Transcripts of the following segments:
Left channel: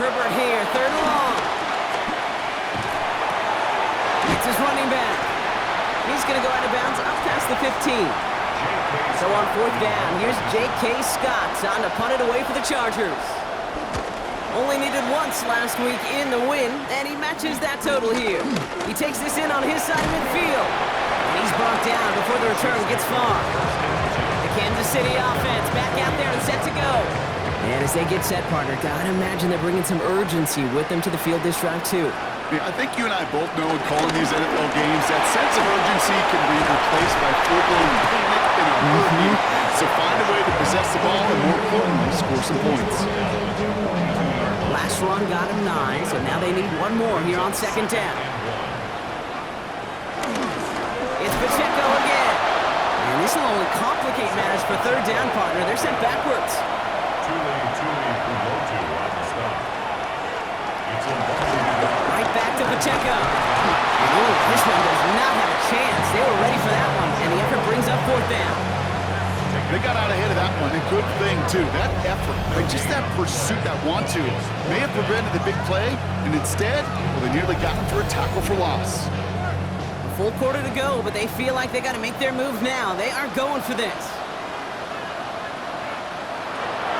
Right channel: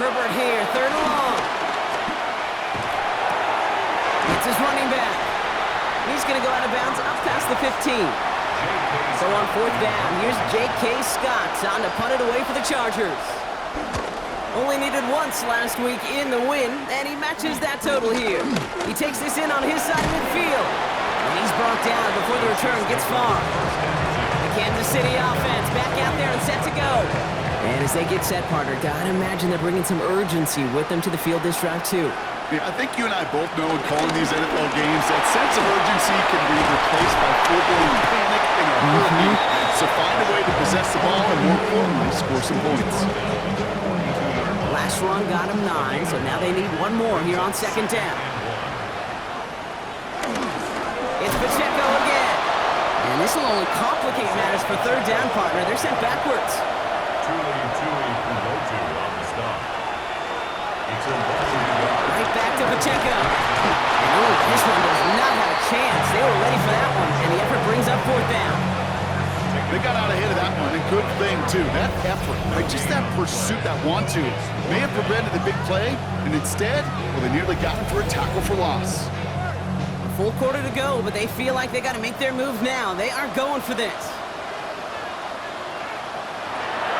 Herbert here, third and long. It's his running back. He's going to go out of bounds up past the 15. So on fourth down, here's J.K. Scott on to punt it away for the Chargers. Only needed once last week in the win, and he matches that total here. He takes this in on his side of midfield. And he's brought down before the return gets far. The Kansas City offense back out there and set to go. And as they get set, partner, gotta imagine they're bringing some urgency with them to the field this drive, too. Yeah, I think you and I both know in calling these NFL games that sense of urgency can be replaced by full-blown panic in a hurry. So find a way to possess the ball and, more importantly, score some points. Last run got him 9, so now they need one more here on second down. It's Pacheco again. And this will only complicate matters for third down, partner. They're sent backwards. Tuli Pulotu on the stop. It's a Right back to Pacheco. And ooh, this one does not have a chance. They were ready for that one, and the effort brings up fourth down. They got out ahead of that one, and good thing, too. That effort, right? Just that pursuit, that want-to, may have prevented the big play, and instead, well, they nearly got him for a tackle for loss. A full quarter to go, but they feel like they got to make their move now. They are going for this.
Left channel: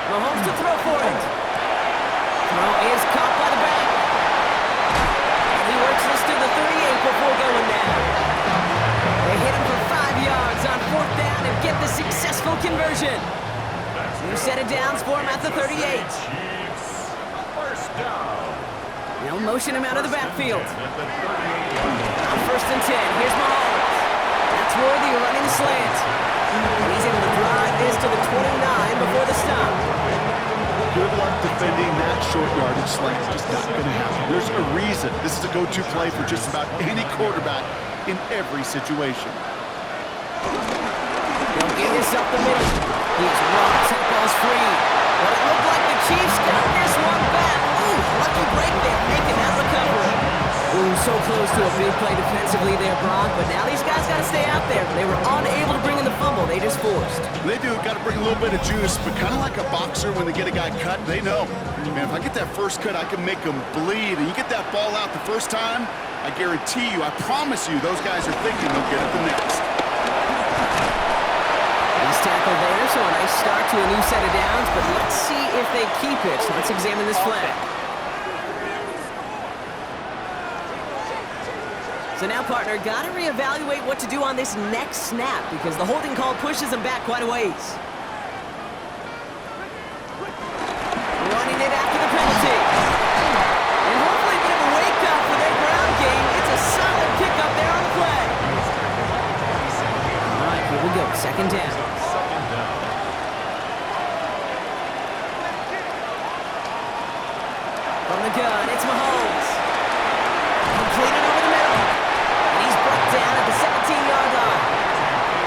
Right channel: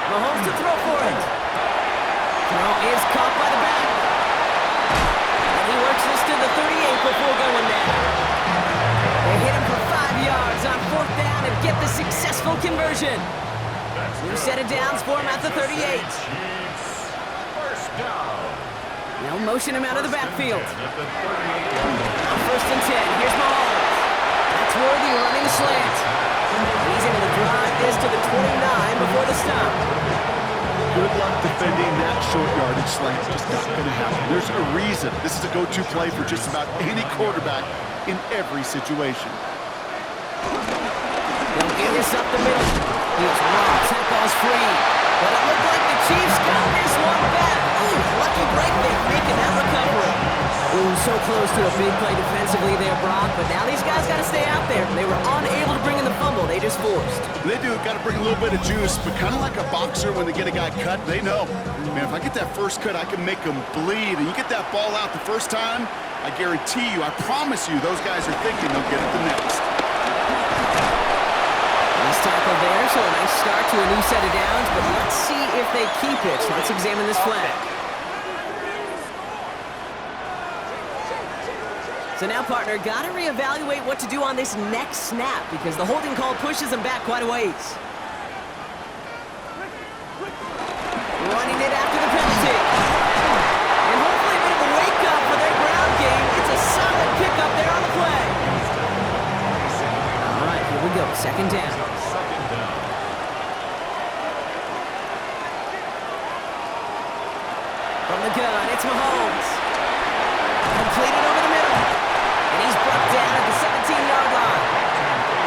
Mahomes to throw for it. Throw is caught by the back. And he works this to the 38 before going down. They hit him for 5 yards on fourth down and get the successful conversion. New set of downs for him at the 38. First down. They'll motion him out of the backfield. On first and 10, here's Mahomes. That's worthy running the slant. And he's able to drive this to the 29 before the stop. Good luck defending that short yardage slant. Just not going to happen. There's a reason this is a go-to play for just about any quarterback in every situation. They'll give this up the middle. He's rocked. That ball's free. But it looked like the Chiefs got this one back. Ooh, lucky break there, making that recovery. Ooh, so close to a big play defensively there, Brock. But now these guys got to stay out there. They were unable to bring in the fumble. They just forced. They do. Got to bring a little bit of juice, but kind of like a boxer when they get a guy cut, they know, man, if I get that first cut, I can make him bleed. And you get that ball out the first time, I guarantee you, I promise you, those guys are thinking they'll get it the next. He's tackled there, so a nice start to a new set of downs, but let's see if they keep it. Let's examine this flag. So now, partner, got to reevaluate what to do on this next snap because the holding call pushes them back quite a ways. Running it after the penalty. And hopefully a bit of a wake-up for their ground game. It's a solid pickup there on the play. All right, here we go. Second down. From the gun, it's Mahomes. Completed over the middle. And he's brought down at the 17-yard line.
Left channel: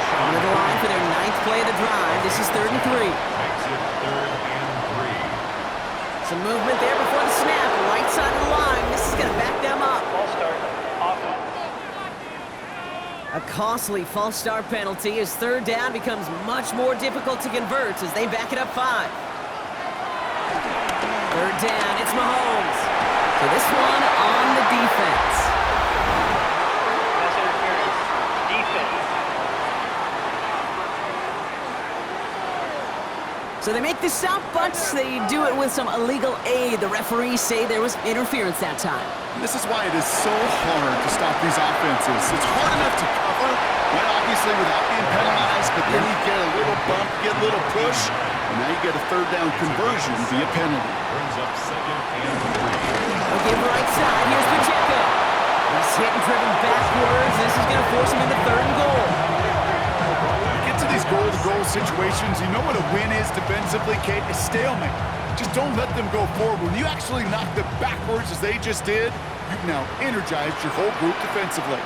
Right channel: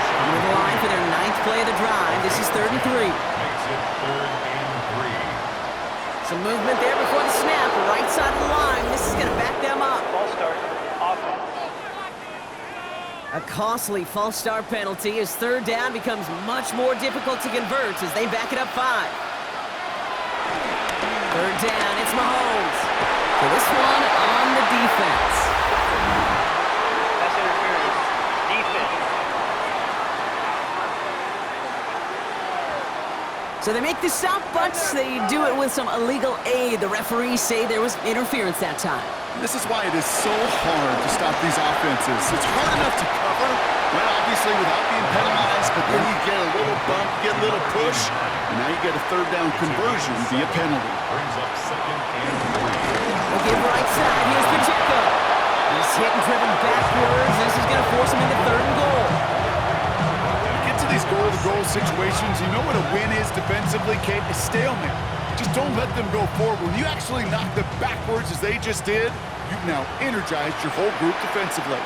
Coming to the line for their 9th play of the drive. This is 3rd and 3. Makes it 3rd and 3. Some movement there before the snap. Right side of the line. This is going to back them up. False start. Offense. A costly false start penalty as third down becomes much more difficult to convert as they back it up 5. Third down, it's Mahomes. So this one on the defense. Pass interference. Defense. So they make the stop, but they do it with some illegal aid. The referees say there was interference that time. This is why it is so hard to stop these offenses. It's hard enough to cover, right, obviously, without being penalized, but then you get a little bump, get a little push, and now you get a third down conversion via penalty. Brings up 2nd and 3. They'll give right side. Here's Pacheco. He's hit and driven backwards. This is going to force him into 3rd and goal. Get to these goal-to-goal situations, you know what a win is defensively, Kate? A stalemate. Just don't let them go forward. When you actually knock them backwards as they just did, you've now energized your whole group defensively.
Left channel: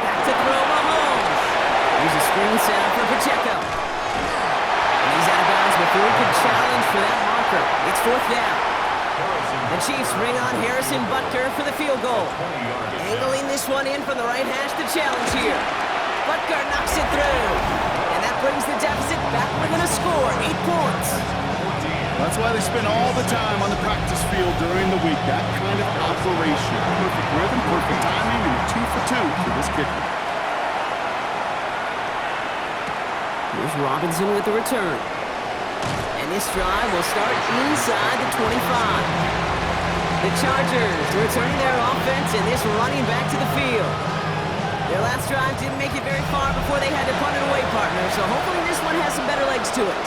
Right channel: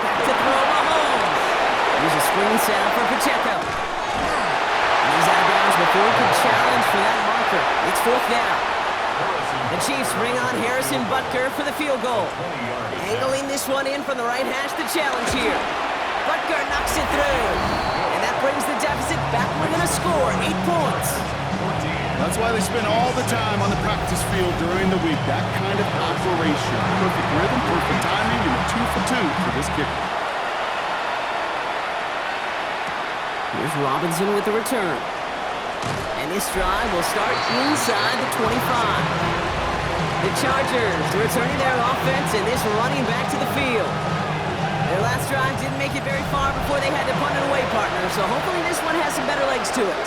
Back to throw Mahomes. Here's a screen set up for Pacheco. And he's out of bounds before he could challenge for that marker. It's 4th down. The Chiefs bring on Harrison Butker for the field goal. Angling this one in from the right hash to challenge here. Butker knocks it through. And that brings the deficit back within a score, 8 points. That's why they spend all the time on the practice field during the week. That kind of operation. Perfect rhythm, perfect timing, and a 2 for 2 for this kicker. Here's Robinson with the return. And this drive will start inside the 25. The Chargers returning their offense and this running back to the field. Their last drive didn't make it very far before they had to punt it away, partner, so hopefully this one has some better legs to it.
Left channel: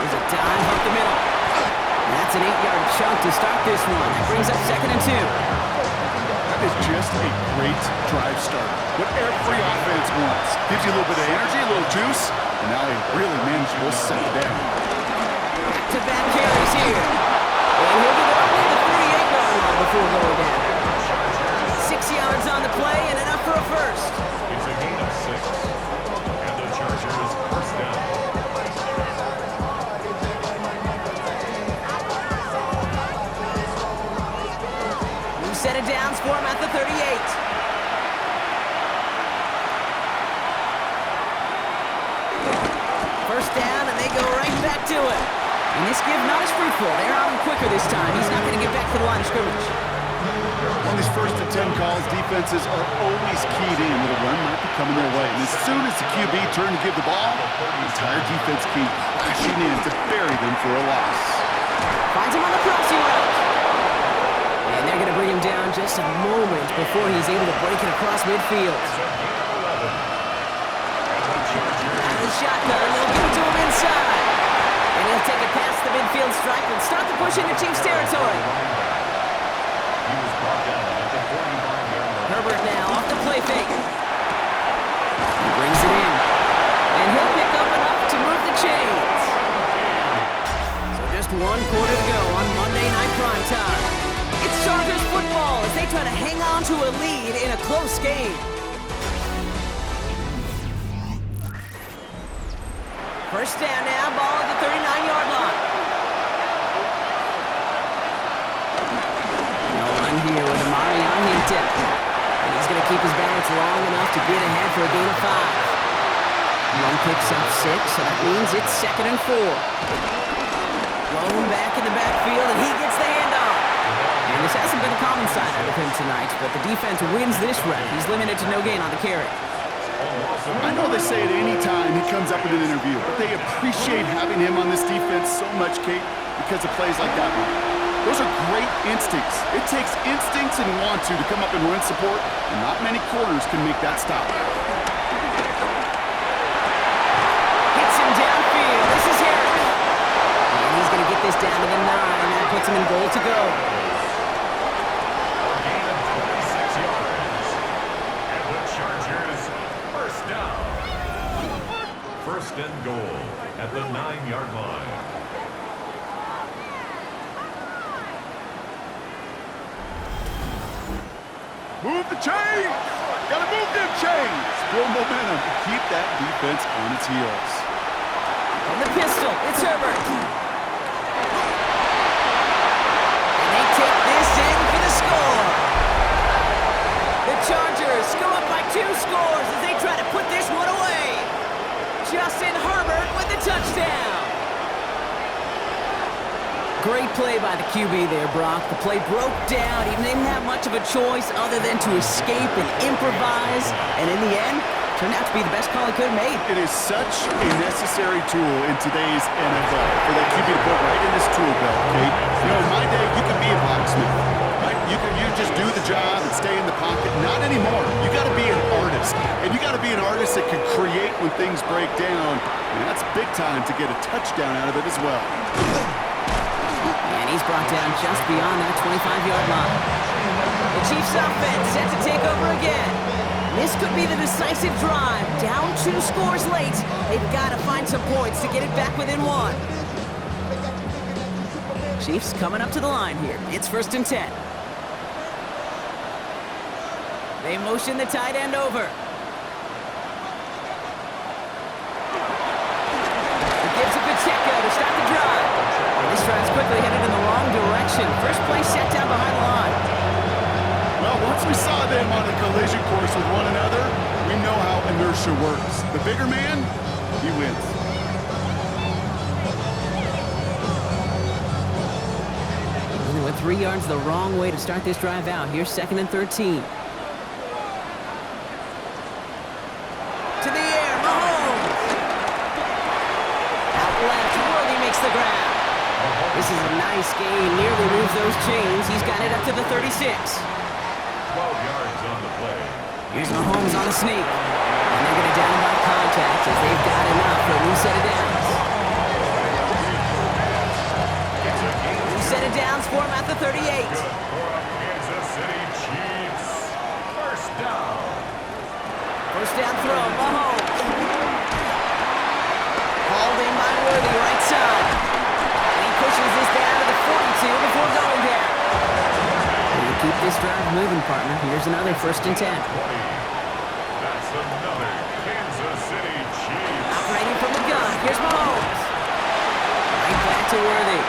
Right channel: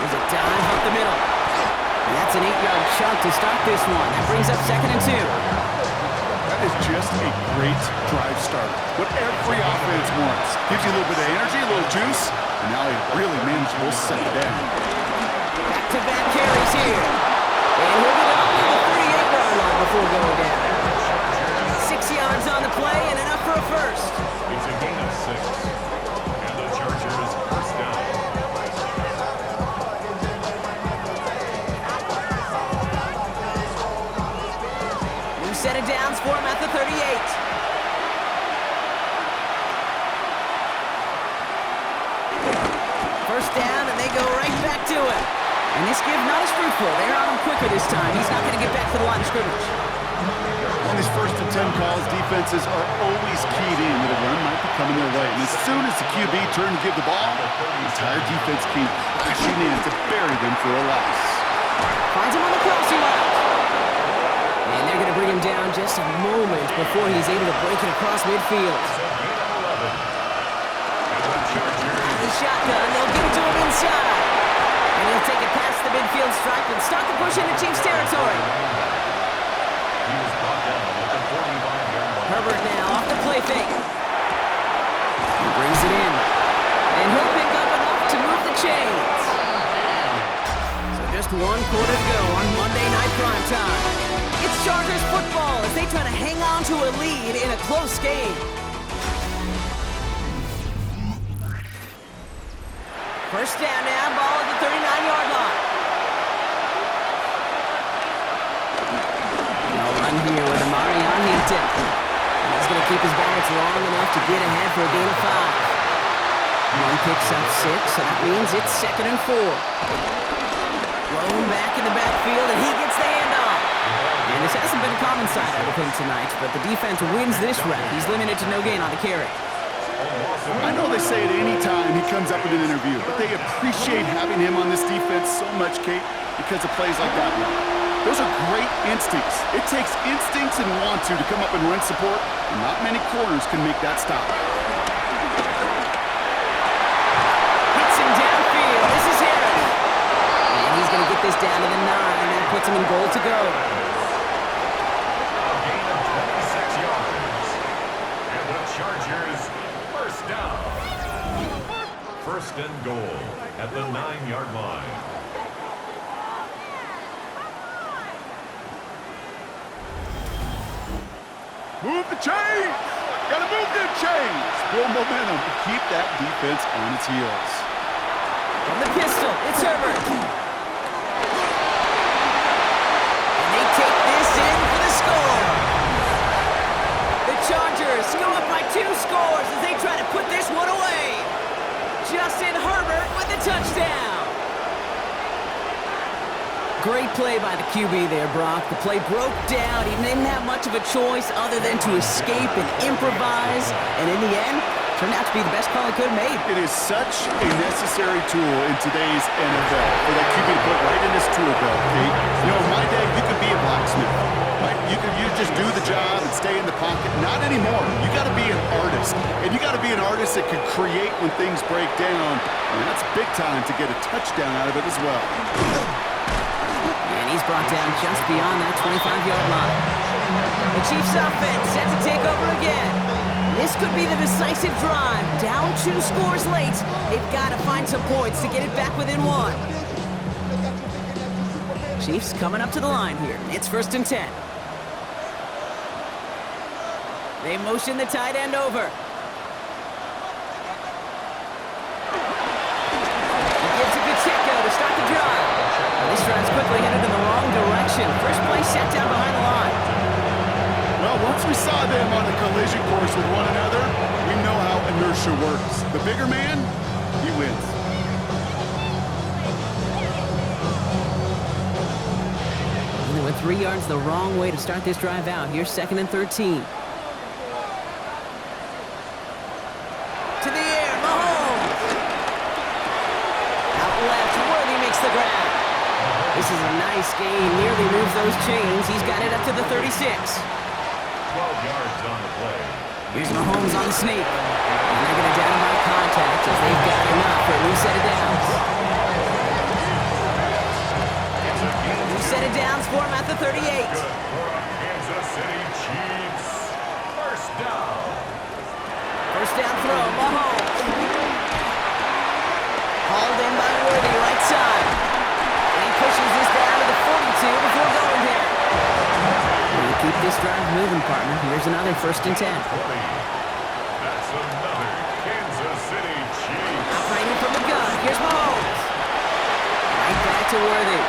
There's a dive up the middle. And that's an 8-yard chunk to start this one. That brings up 2nd and 2. That is just a great drive starter. What every offense wants. Gives you a little bit of energy, a little juice, and now a really manageable second down. Back-to-back carries here. And he'll get up to the 38-yard line before going down. 6 yards on the play and enough for a first. It's a gain of 6. And the Chargers first down. New set of downs for him at the 38. First down, and they go right back to him. And this give not as fruitful. They're on him quicker this time. He's not going to get back to the line of scrimmage. On these 1st and 10 calls, defenses are always keyed in that a run might be coming their way. And as soon as the QB turns to give the ball, the entire defense came crashing in to bury them for a loss. Finds him on the crossing route. And they're going to bring him down just a moment before he's able to break it across midfield. Out of the shotgun, they'll give it to him inside. And he'll take it past the midfield stripe and start the push into Chiefs territory. He was brought down at the 45-yard line. Herbert now off the play fake. He brings it in. And he'll pick up enough to move the chains. So just 1 quarter to go on Monday Night Primetime. It's Chargers football as they try to hang on to a lead in a close game. First down now, ball at the 39-yard line. No run here with Amari on Hinton. And he's going to keep his balance long enough to get ahead for a gain of 5. One picks up 6, so that means it's 2nd and 4. Blown back in the backfield, and he gets the handoff. And this hasn't been a common side out of him tonight, but the defense wins this rep. He's limited to no gain on the carry. I know they say it any time he comes up in an interview, but they appreciate having him on this defense so much, Kate, because of plays like that one. Those are great instincts. It takes instincts and want to come up and run support, and not many corners can make that stop. Hits him downfield. This is Harris. And he's going to get this down to the 9. That puts him in goal to go. A gain of 26 yards. And the Chargers first down. First and goal at the 9-yard line. Move the chains! Gotta move them chains! Build momentum and keep that defense on its heels. From the pistol, it's Herbert. And they take this in for the score. The Chargers go up by 2 scores as they try to put this one away. Justin Herbert with the touchdown. Great play by the QB there, Brock. The play broke down. He didn't have much of a choice other than to escape and improvise. And in the end, turned out to be the best call he could have made. It is such a necessary tool in today's NFL for that QB to put right in his tool belt, Kate. You know, in my day, you could be a blacksmith, right? You just do the job and stay in the pocket. Not anymore. You got to be an artist. And you got to be an artist that can create when things break down. And that's big time to get a touchdown out of it as well. And he's brought down just beyond that 25-yard line. The Chiefs offense set to take over again. This could be the decisive drive. Down 2 scores late. They've got to find some points to get it back within 1. Chiefs coming up to the line here. It's 1st and 10. They motion the tight end over. He gives it to Pacheco to start the drive. And this drive's quickly headed in the wrong direction. First play set down behind the line. Well, once we saw them on a collision course with one another, we know how inertia works. The bigger man he wins. And they went 3 yards the wrong way to start this drive out. Here's 2nd and 13. To the air, Mahomes. Out left, Worthy makes the grab. This is a nice gain, nearly moves those chains. He's got it up to the 36. 12 yards on the play. Here's Mahomes on the sneak. And they're going to down him by contact as they've got enough for a new set of downs. New set of downs for him at the 38. Good for a Kansas City Chiefs. First down. First down throw, Mahomes. Hauled in by Worthy, right side. And he pushes this down to the 42 before going down. And to keep this drive moving, partner, here's another 1st and 10. 20. That's another Kansas City Chiefs. Operating from the gun, here's Mahomes. Right back to Worthy.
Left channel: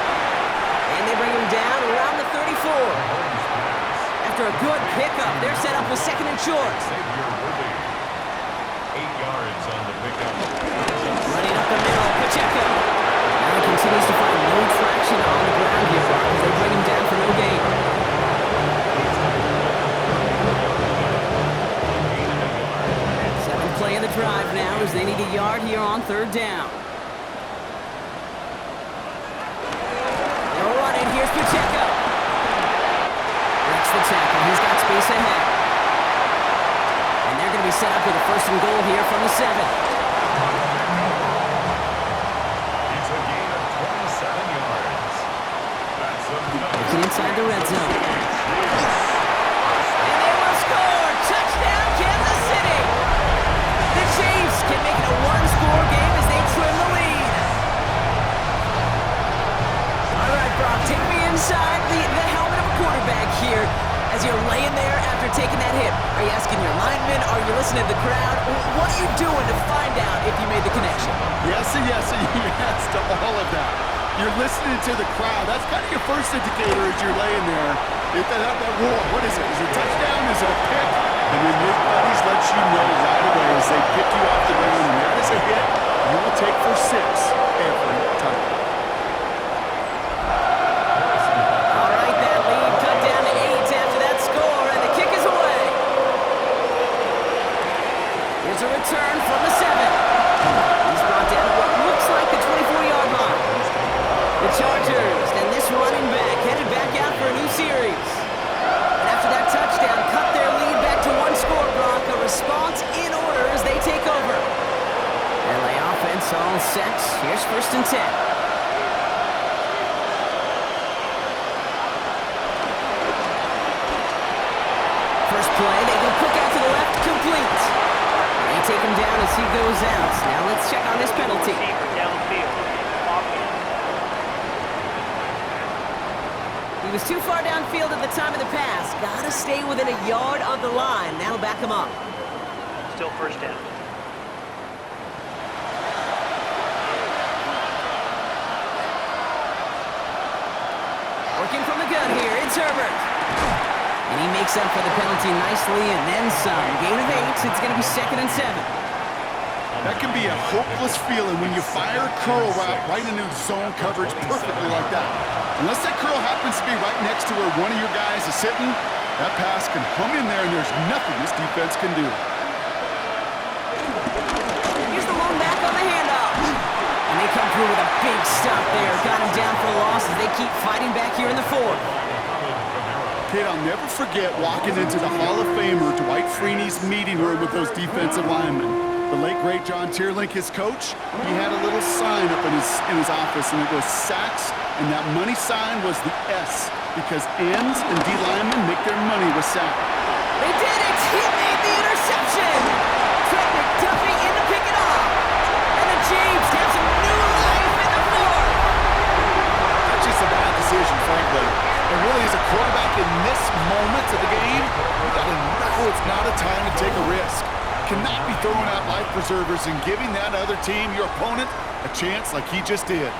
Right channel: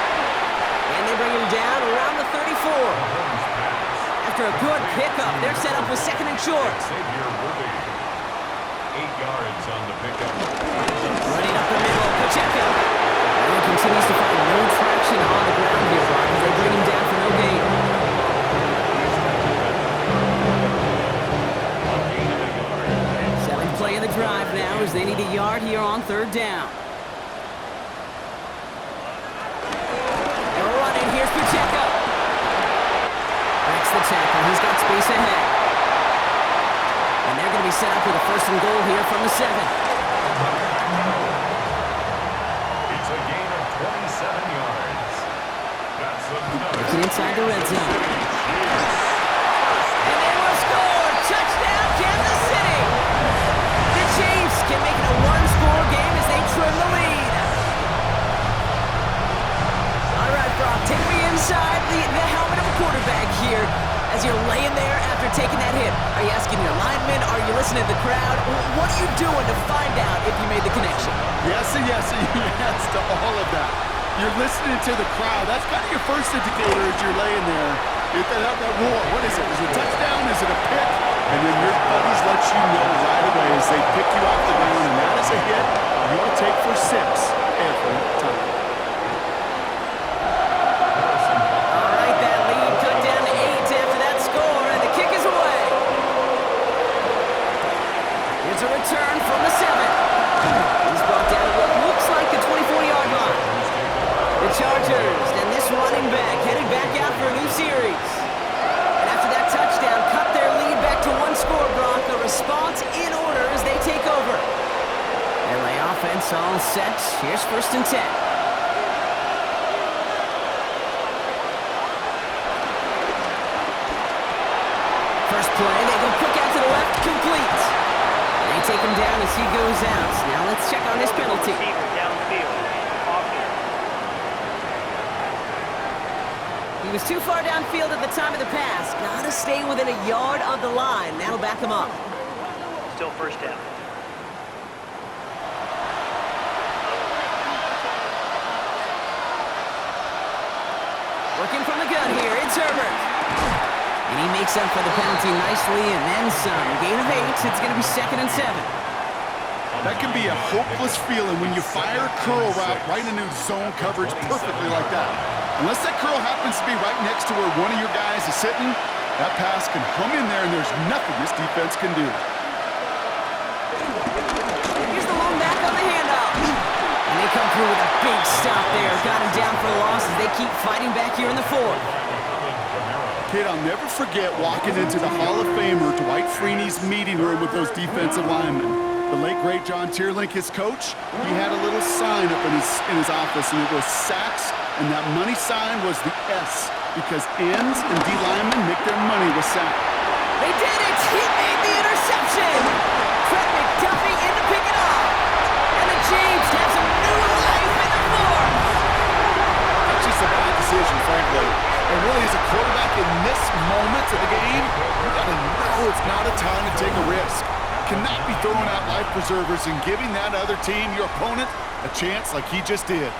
And they bring him down around the 34. Mahomes pass. After a good pickup, they're set up with 2nd and short. Xavier Worthy. 8 yards on the pickup. Running up the middle, Pacheco. And he continues to find no traction on the ground here, Brock, as they bring him down for no gain. A gain of a yard. 7th play of the drive now as they need a yard here on 3rd down. They'll run it. Here's Pacheco. Breaks the tackle. He's got space ahead. And they're going to be set up with a 1st and goal here from the 7. It's a gain of 27 yards. That's another. It's inside the red zone. Chiefs. And they will score! Touchdown, Kansas City! The Chiefs can make it a 1-score game as they trim the lead. All right, Brock, take me inside the helmet of a quarterback here as you're laying there after taking that hit. Are you asking your linemen? Are you listening to the crowd? What are you doing to find out if you made the connection? Yes and yes and yes to all of that. You're listening to the crowd. That's kind of your first indicator as you're laying there. That roar, what is it? Is it a touchdown? Is it a pick? And then your buddies let you know right away as they pick you off the ground, and that is a hit you will take for 6 every time. All right, that lead cut down to 8 after that score, and the kick is away. Here's a return from the 7. He's brought down to what looks like the 24-yard line. The Chargers, and this running back headed back out for a new series. And after that touchdown, cut their lead back to 1 score, Brock. A response in order as they take over. LA offense all set. Here's 1st and 10. First play, they go quick out to the left, complete. And they take him down as he goes out. Now let's check on this penalty. Receiver downfield. Offense. He was too far downfield at the time of the pass. Gotta stay within a yard of the line. That'll back him up. Still 1st down. Working from the gun here, it's Herbert. And he makes up for the penalty nicely and then some. Gain of 8, it's gonna be 2nd and 7. That can be a hopeless feeling when you fire a curl route right into zone coverage perfectly like that. Unless that curl happens to be right next to where one of your guys is sitting, that pass can hum in there and there's nothing this defense can do. Here's the lone back on the handoff. And they come through with a big stop there. Got him down for a loss as they keep fighting back here in the 4th. Kid, I'll never forget walking into the Hall of Famer Dwight Freeney's meeting room with those defensive linemen. The late, great John Tierlink, his coach, he had a little sign up in his office, and it was sacks, and that money sign was the S, because ends and D linemen make their money with sack. They did it! He made the interception! Trent McDuffie in to pick it off. And the Chiefs have some new life in the 4th. That's just a bad decision, frankly. And really, as a quarterback in this moment of the game, you gotta know it's not a time to take a risk. Cannot be throwing out life preservers and giving that other team, your opponent, a chance like he just did.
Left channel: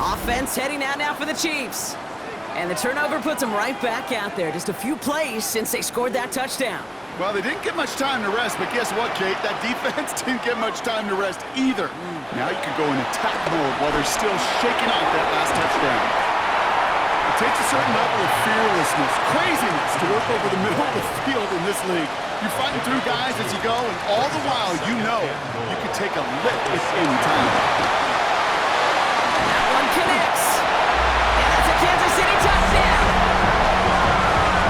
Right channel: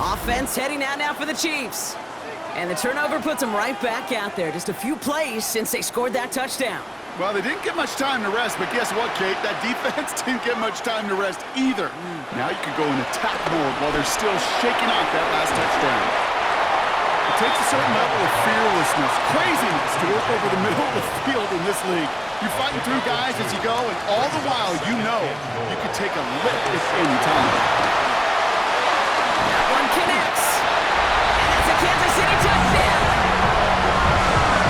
Offense heading out now for the Chiefs. And the turnover puts them right back out there. Just a few plays since they scored that touchdown. Well, they didn't get much time to rest, but guess what, Kate? That defense didn't get much time to rest either. Now you can go in attack mode while they're still shaking off that last touchdown. It takes a certain level of fearlessness, craziness to work over the middle of the field in this league. You're fighting through guys as you go, and all the while you know you could take a lick at any time. That one connects. And that's a Kansas City touchdown.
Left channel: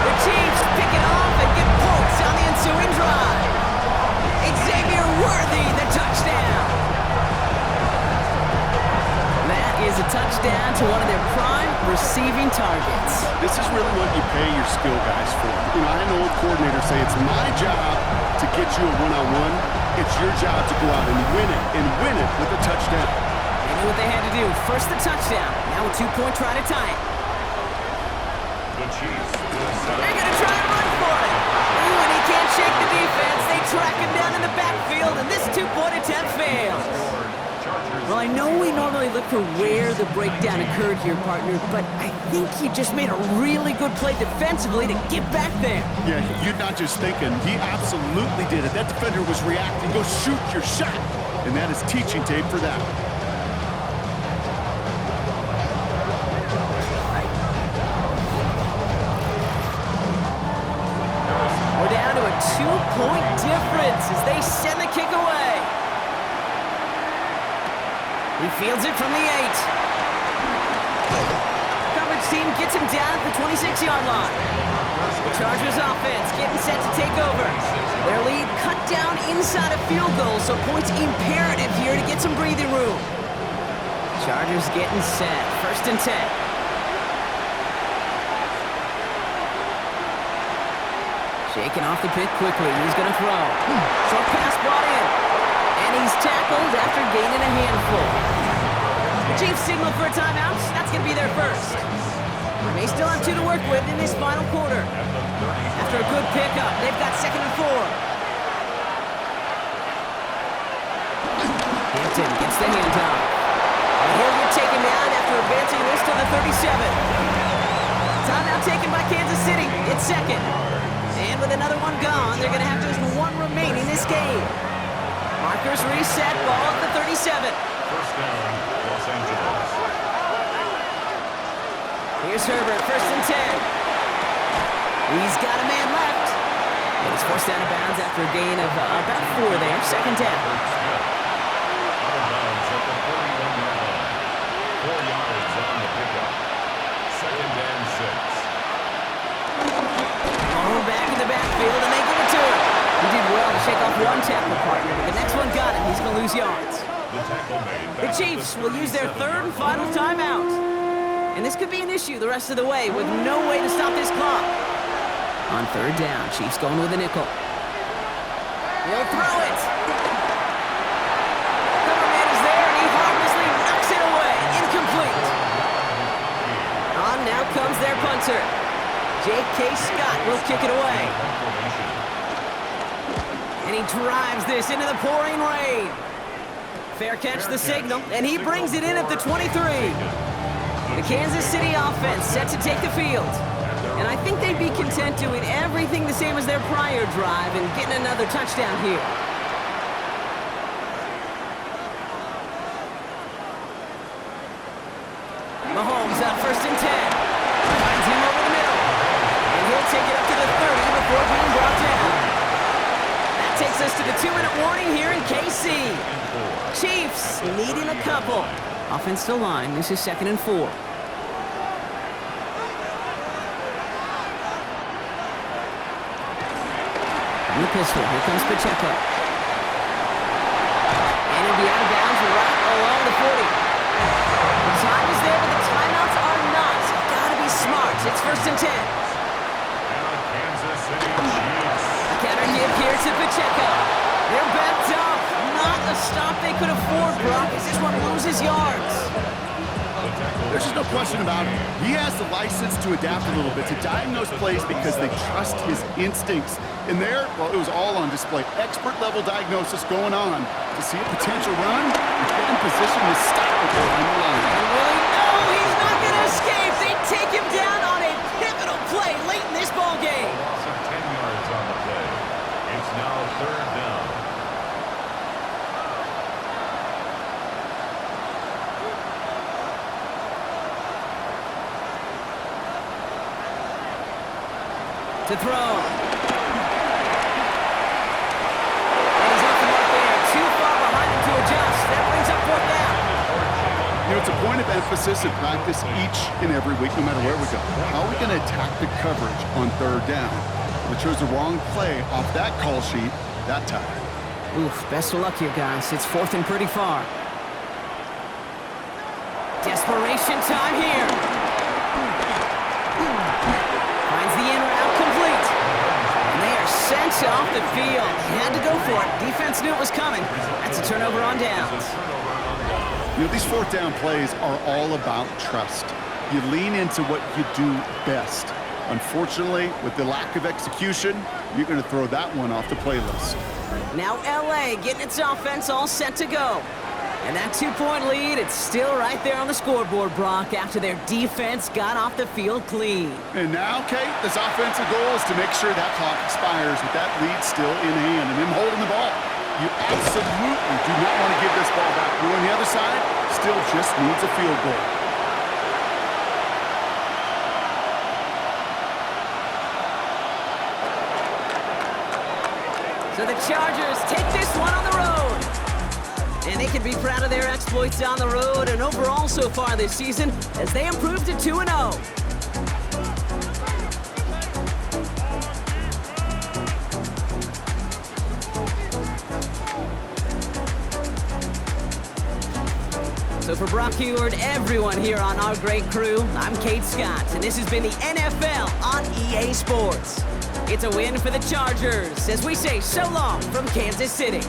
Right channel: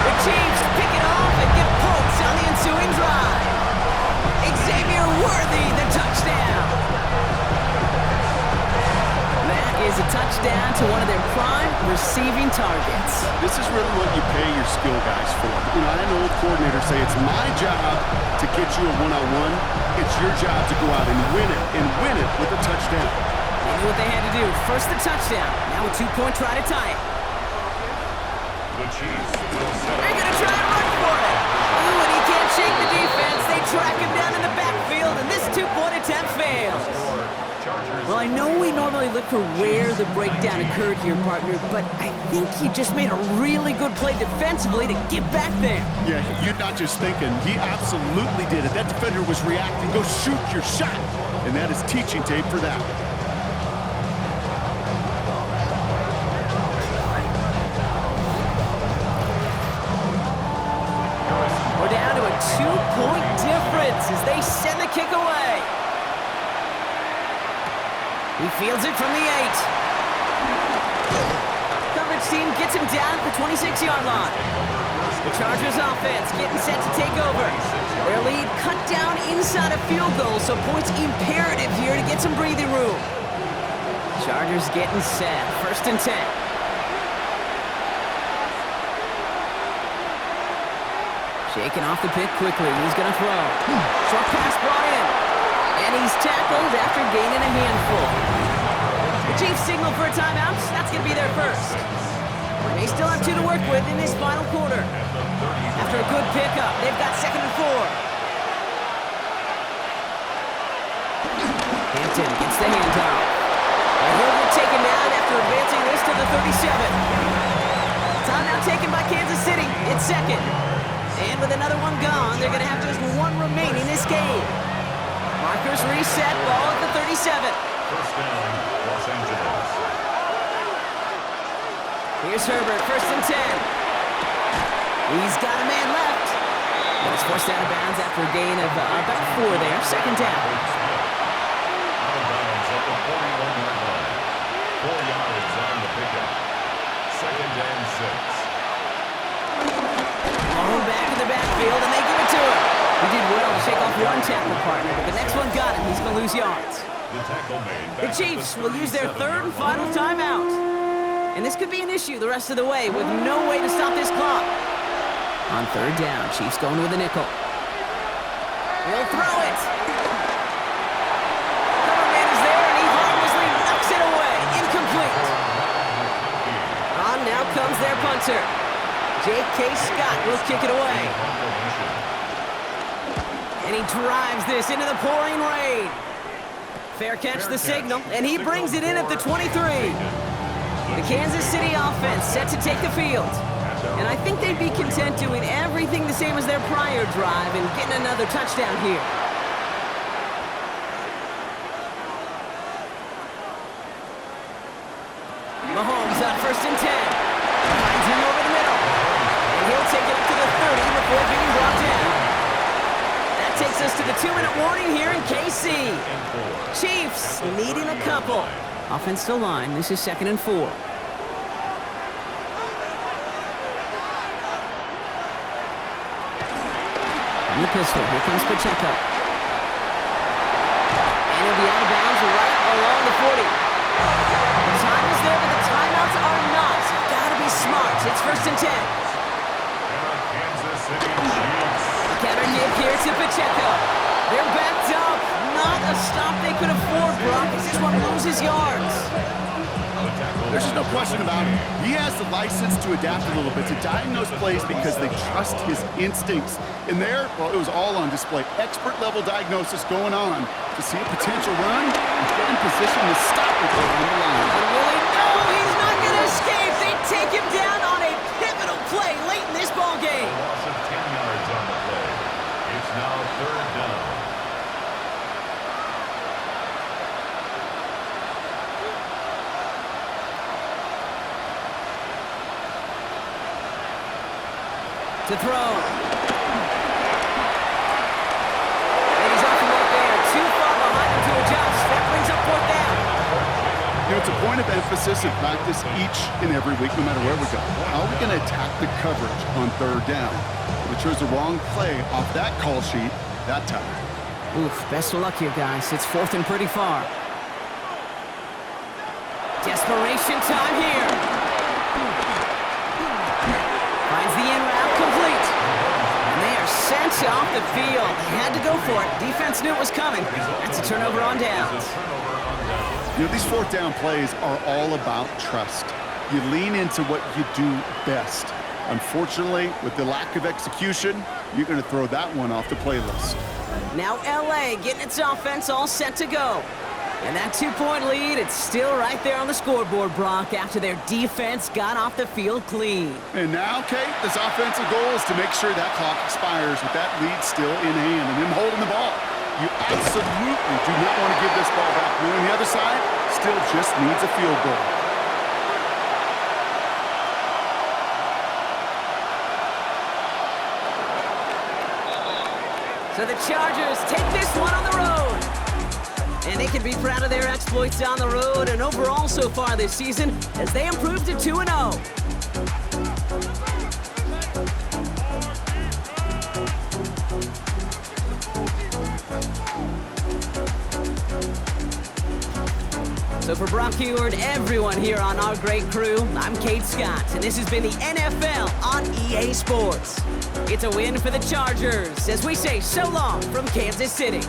The Chiefs pick it off and get points on the ensuing drive. Xavier Worthy, the touchdown. That is a touchdown to one of their prime receiving targets. This is really what you pay your skill guys for. You know, I had an old coordinator say it's my job to get you a one-on-one. It's your job to go out and win it with a touchdown. They knew what they had to do. First the touchdown. Now a 2-point try to tie it. The Chiefs will set They're going to try and run for it. Ooh, and he can't shake the defense. They track him down in the backfield, and this 2-point attempt fails. Well, I know we normally look for where the breakdown occurred here, partner, but I think he just made a really good play defensively to get back there. Yeah, you're not just thinking. He absolutely did it. That defender was reacting. Go shoot your shot. And that is teaching tape for that. We're down to a 2-point difference as they send the kick away. He fields it from the 8. Coverage team gets him down at the 26-yard line. The Chargers offense getting set to take over. Their lead cut down inside a field goal, so points imperative here to get some breathing room. Chargers getting set. 1st and 10. Shaking off the pick quickly. He's going to throw. Short pass brought in. And he's tackled after gaining a handful. The Chiefs signal for a timeout. That's going to be their first. They still have 2 to work with in this final quarter. After a good pickup, they've got 2nd and 4. Hampton gets the handoff. And he'll get taken down after advancing this to the 37. Timeout taken by Kansas City. It's 2nd. And with another one gone, they're going to have just 1 remaining this game. Markers reset, ball at the 37. First down, Los Angeles. Here's Herbert, 1st and 10. He's got a man left. And he's forced out of bounds after a gain of about 4 there. 2nd down. Out of bounds at the 41-yard line. 4 yards on the pickup. 2nd and 6. Thrown back in the backfield, and they give it to him. He did well to shake off one tackle partner, but the next one got him. He's going to lose yards. The tackle made. The Chiefs will use their 3rd and final timeout. And this could be an issue the rest of the way with no way to stop this clock. On 3rd down, Chiefs going with a nickel. He'll throw it. Cover man is there, and he harmlessly knocks it away. Incomplete. On now comes their punter. J.K. Scott will kick it away. And he drives this into the pouring rain. Fair catch the signal, and he brings it in at the 23. The Kansas City offense set to take the field. And I think they'd be content doing everything the same as their prior drive and getting another touchdown here. Mahomes on 1st and 10. Finds him over the middle. And he'll take it up to the 30 before being brought down. That takes us to the 2-minute warning here in KC. Chiefs needing a couple. Offensive line, this is 2nd and 4. From the pistol, here comes Pacheco. And he'll be out of bounds right along the 40. The time is there, but the timeouts are not. Gotta be smart. It's 1st and 10. And a Kansas City Chiefs. A counter give here to Pacheco. They're backed up. Not a stop they could afford, Brock, as this one loses yards. There's just no question about it. He has the license to adapt a little bit, to diagnose plays because they trust his instincts. And there, well, it was all on display. Expert-level diagnosis going on to see a potential run and get in position to stop it behind the line. And Willie, no, he's not going to escape. They take him down on a pivotal play late in this ball game. A loss of 10 yards on the play. To throw. And he's off the mark there. Too far behind him to adjust. That brings up 4th down. You know, it's a point of emphasis in practice each and every week, no matter where we go. How are we going to attack the coverage on 3rd down? We chose the wrong play off that call sheet that time. Oof, best of luck here, guys. It's 4th and pretty far. Desperation time here. Finds the in route complete. And they are sent off the field. They had to go for it. Defense knew it was coming. That's a turnover on downs. You know, these 4th down plays are all about trust. You lean into what you do best. Unfortunately, with the lack of execution, you're going to throw that one off the playlist. Now LA getting its offense all set to go. And that 2-point lead, it's still right there on the scoreboard, Brock, after their defense got off the field clean. And now, Kate, this offensive goal is to make sure that clock expires with that lead still in hand and them holding the ball. You absolutely do not want to give this ball back, knowing the other side still just needs a field goal. So the Chargers take this one on the road. And they can be proud of their exploits on the road and overall so far this season as they improved to 2-0. So for Brock Huard, everyone here on our great crew, I'm Kate Scott, and this has been the NFL on EA Sports. It's a win for the Chargers as we say so long from Kansas City.